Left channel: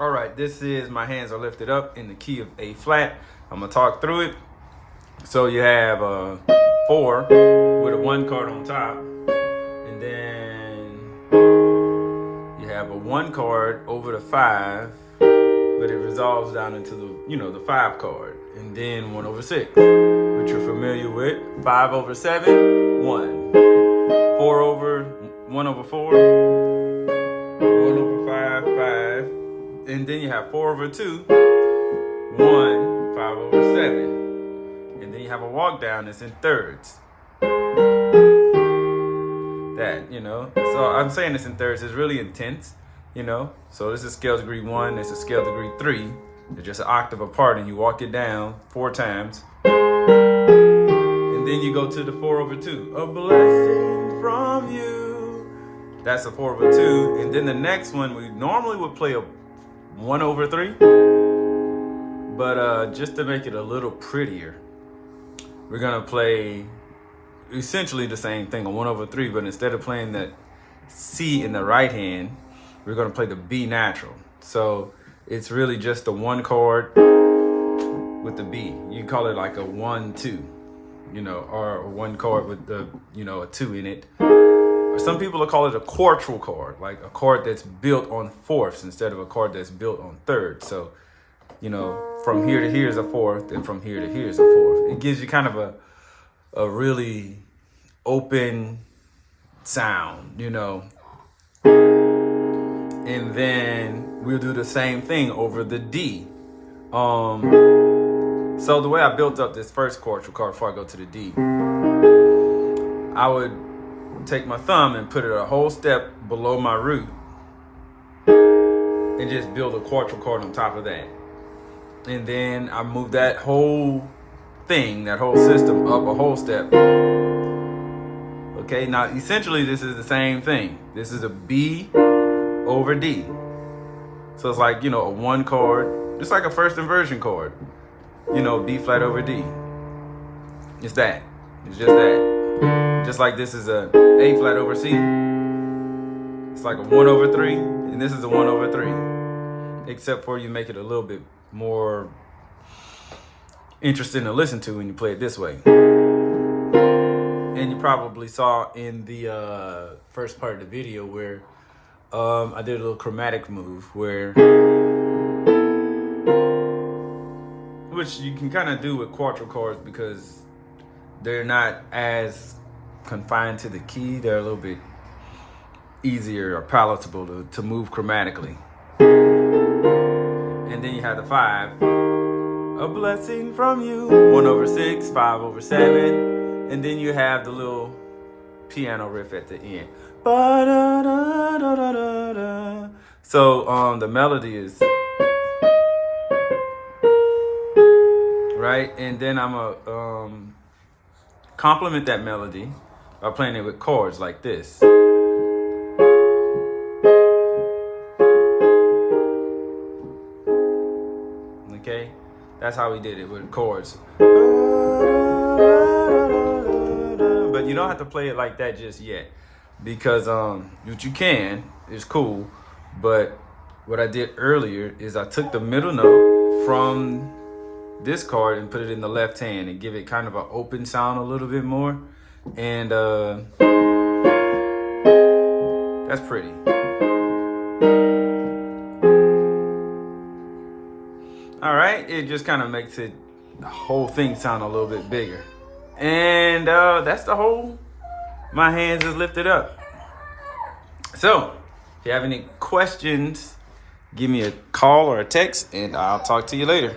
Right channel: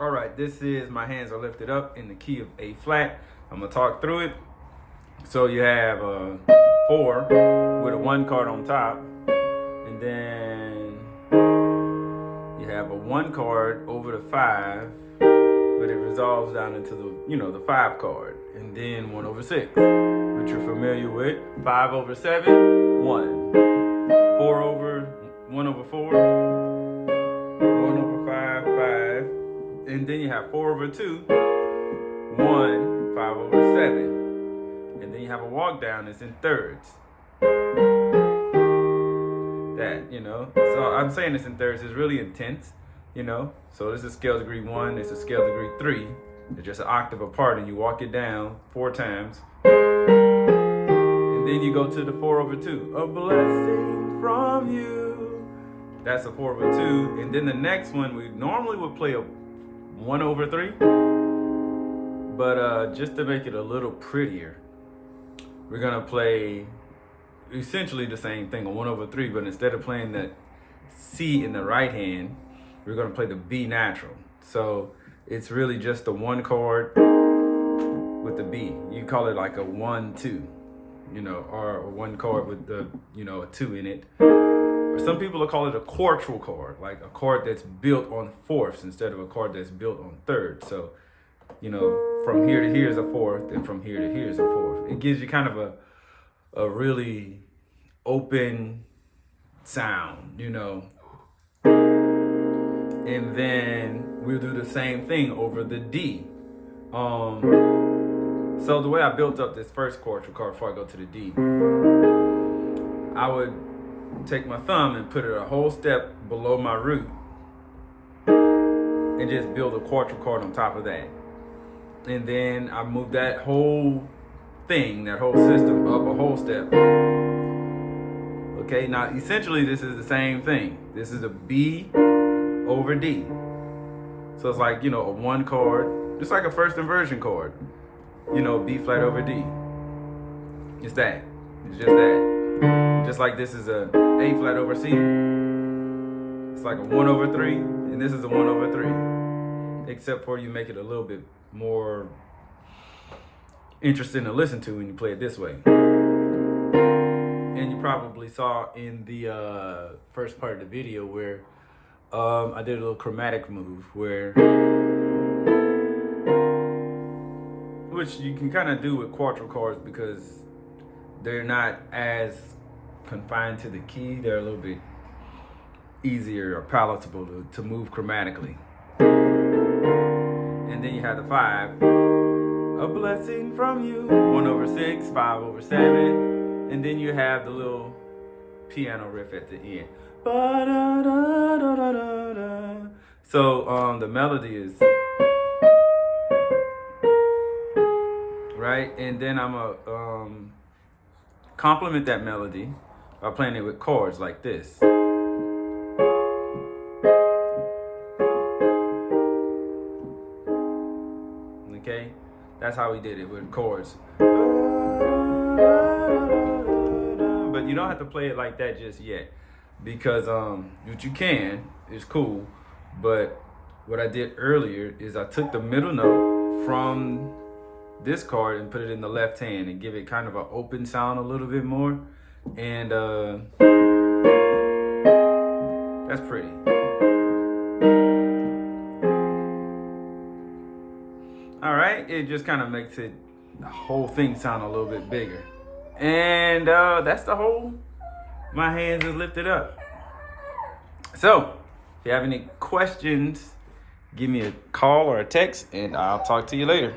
All right, this is My Hands Are Lifted Up in the key of A flat. I'm gonna talk through it. So you have a 4 with a 1 card on top, and then you have a 1 card over the 5, but it resolves down into the 5 card, and then 1 over 6, which you're familiar with. 5 over 7, 1. 4 over 1 over 4, 1 over 5, 5. And then you have 4 over 2, 1, 5 over 7. And then you have a walk down that's in thirds. So I'm saying this in thirds is really intense, So this is scale degree 1, this is scale degree 3. They're just an octave apart, and you walk it down 4 times. And then you go to the 4 over 2. A blessing from you. That's a 4 over 2. And then the next one, we normally would play a 1 over 3, but just to make it a little prettier, we're gonna play essentially the same thing, a 1 over 3, but instead of playing that C in the right hand, we're gonna play the B natural. So it's really just the 1 chord with the B. You can call it like a 1-2, or a 1 chord with the, a 2 in it. Some people will call it a quartal chord, like a chord that's built on fourths instead of a chord that's built on thirds. So, from here to here is a fourth, and from here to here is a fourth. It gives you kind of a really open sound, And then we'll do the same thing over the D. So the way I built up this first quartal chord before I go to the D, I would take my thumb and put it a whole step below my root and just build a quartal chord on top of that. And then I move that whole thing, that whole system up a whole step. Okay, now essentially this is the same thing. This is a B over D. So it's like, a 1 chord, just like a first inversion chord. B flat over D. It's that. It's just that. Just like this is a A flat over C. It's like a 1 over 3, and this is a 1 over 3. Except for you make it a little bit more interesting to listen to when you play it this way. And you probably saw in the first part of the video where I did a little chromatic move which you can kind of do with quartal chords because they're not as confined to the key. They're a little bit easier or palatable to move chromatically. And then you have the 5. A blessing from you. 1 over 6, 5 over 7. And then you have the little piano riff at the end. Ba-da-da-da-da-da-da. So the melody is right, and then I'm gonna complement that melody by playing it with chords like this. Okay, that's how we did it with chords. But you don't have to play it like that just yet, because what you can is cool, but what I did earlier is I took the middle note from this chord and put it in the left hand and give it kind of an open sound a little bit more, and that's pretty. All right, it just kind of makes it the whole thing sound a little bit bigger. And that's the whole my hands is lifted up. So if you have any questions, give me a call or a text and I'll talk to you later.